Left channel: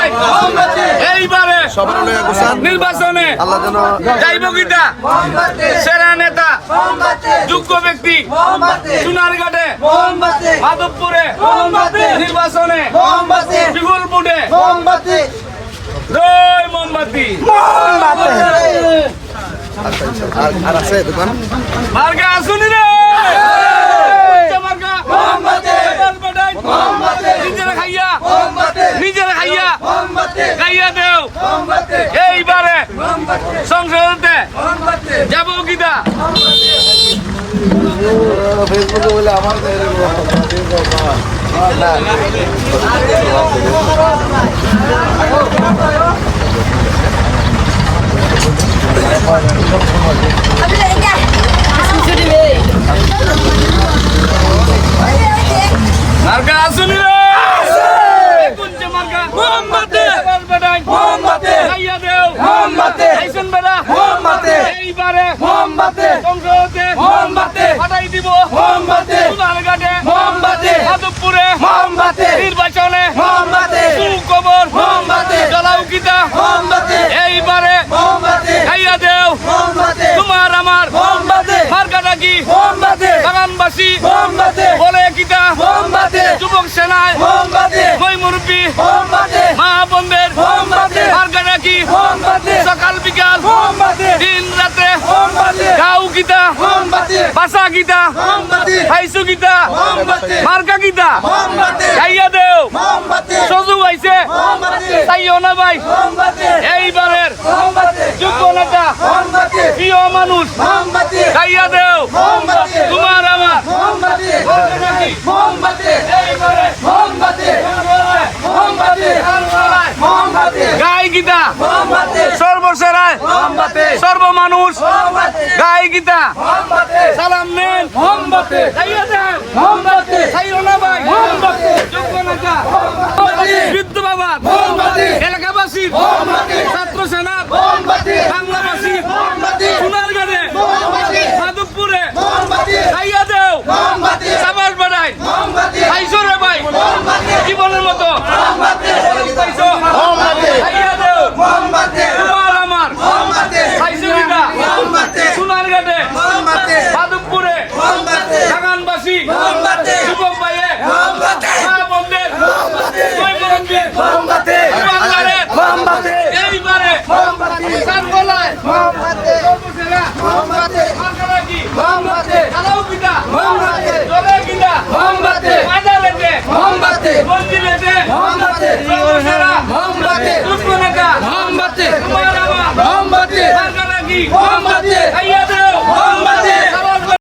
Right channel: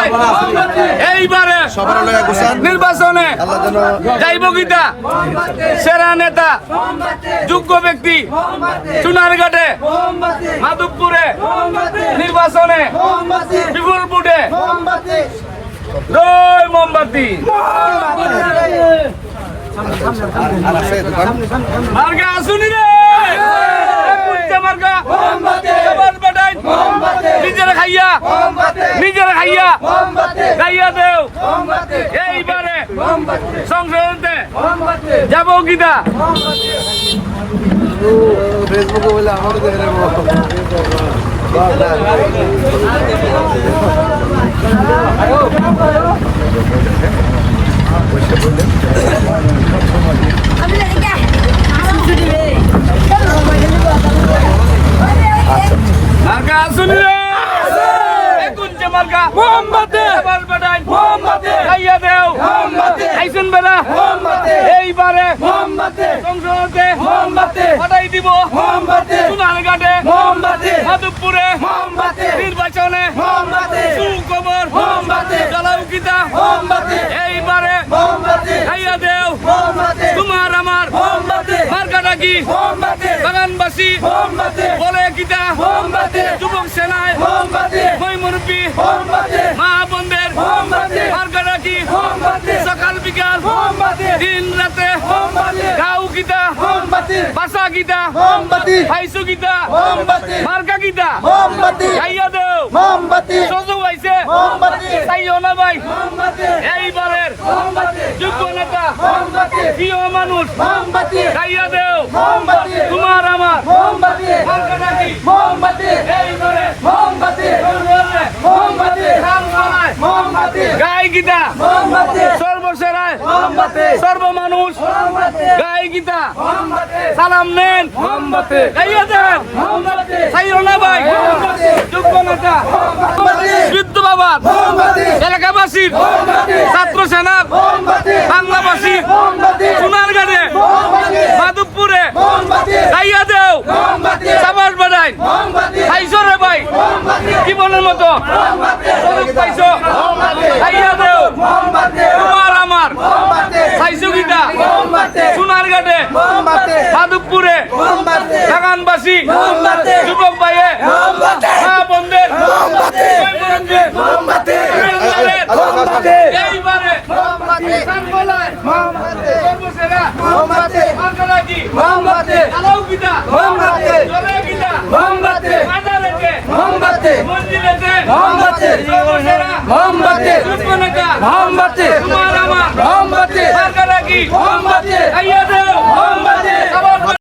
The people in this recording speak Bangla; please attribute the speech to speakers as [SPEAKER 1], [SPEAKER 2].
[SPEAKER 1] এইবারে
[SPEAKER 2] সবার লয়া গোসান
[SPEAKER 1] নির্বাচনে
[SPEAKER 2] আল্লাহ যেন
[SPEAKER 1] জয়বগীতা সেরা নেতা যোগ্য ব্যক্তি সোনারঘাটে মাধবপুরে নির্বাচনে বিপুল ভোটে জয় মোমবাতি
[SPEAKER 2] আর আছে দোকান
[SPEAKER 1] মার্কা আসুনি রে মার্কা নিজেরা খাইয়া খাইয়া দেও এইবারে সংসদে যাবো গীতা
[SPEAKER 2] ফেসবুকে বলে আমার
[SPEAKER 1] মার্কা আসুনি রে কুঞ্জ মার্কা মোহাম্মদে বালবাদাই মোহাম্মদে খাইয়া দেও মোহাম্মদে খাইছুন বেনা মোহাম্মদে এইবারে মোহাম্মদে সংসদে মোহাম্মদে পাঠাই দিব মোহাম্মদে সোনারঘাটে মোহাম্মদে মাধবপুরে মোহাম্মদে নির্বাচনে মোহাম্মদে সুখবর মোহাম্মদে জ্বলাও গীতা মোহাম্মদে এইবারে মোহাম্মদে খাইয়া দেও মোহাম্মদে তোমার আমার মোহাম্মদে মার্কাটা কি মোহাম্মদে বাগানবাসী মোহাম্মদে বলে গীতা মোহাম্মদে যুবক সেনায় মোহাম্মদে মই মুরব্বী মোহাম্মদে মা বোনদের মোহাম্মদে মার্কাটা কি মোহাম্মদে সকাল বিকাল মোহাম্মদে দিন রাতে মোহাম্মদে গাও গীতা মোহাম্মদে ভাষা গীতা মোহাম্মদে খাইছো গীতা মোহাম্মদে মার্কা গীতা মোহাম্মদে খাইয়া দেও মোহাম্মদে সজু আইছে মোহাম্মদে তাইও না ভাই মোহাম্মদে এইবারের মোহাম্মদে যোগ্য নেতা মোহাম্মদে প্রিয় মানুষ মোহাম্মদে খাইয়া দেও মোহাম্মদে তোমার আমার মোহাম্মদে মার্কাটা কি মোহাম্মদে এইবারে মোহাম্মদে মোহাম্মদে নাম ছড়ায় মোহাম্মদে গায় গীতা মোহাম্মদে সর্বসরায় মোহাম্মদে সর্বমানুষ মোহাম্মদে গায় গীতা মোহাম্মদে সালাম নেন মোহাম্মদে খাইয়া দেন মোহাম্মদে খাইও না ভাই মোহাম্মদে যোগ্য নেতা মোহাম্মদে যুদ্ধ বাবা মোহাম্মদে এলাকাবাসী মোহাম্মদে ছাত্র সেনা মোহাম্মদে বাংলাবাসী মোহাম্মদে সোনারঘাটে মোহাম্মদে মাধবপুরে মোহাম্মদে খাইয়া দেও মোহাম্মদে সাবাস বাড়াই মোহাম্মদে খাইছো রে ভাই মোহাম্মদে জীবনের মতো মোহাম্মদে মোহাম্মদে খাইয়া দেও মোহাম্মদে তোমার আমার মোহাম্মদে খাইছো গীতা মোহাম্মদে সোনারঘাটে মোহাম্মদে মাধবপুরে মোহাম্মদে বাগানবাসী মোহাম্মদে যুবক ভাইয়ে মোহাম্মদে মা বোনদের মোহাম্মদে মোহাম্মদে মোহাম্মদে এইবারে মোহাম্মদে সানগলায় মোহাম্মদে সর্বসেরা মোহাম্মদে মার্কালাকি মোহাম্মদে আলাউ গীতা মোহাম্মদে জলে গীতা মোহাম্মদে মাদারেতে মোহাম্মদে মন্দিরেতে মোহাম্মদে সর্বসেরা মোহাম্মদে দুষ্কনেতা মোহাম্মদে তোমার আমার মোহাম্মদে মার্কালাকি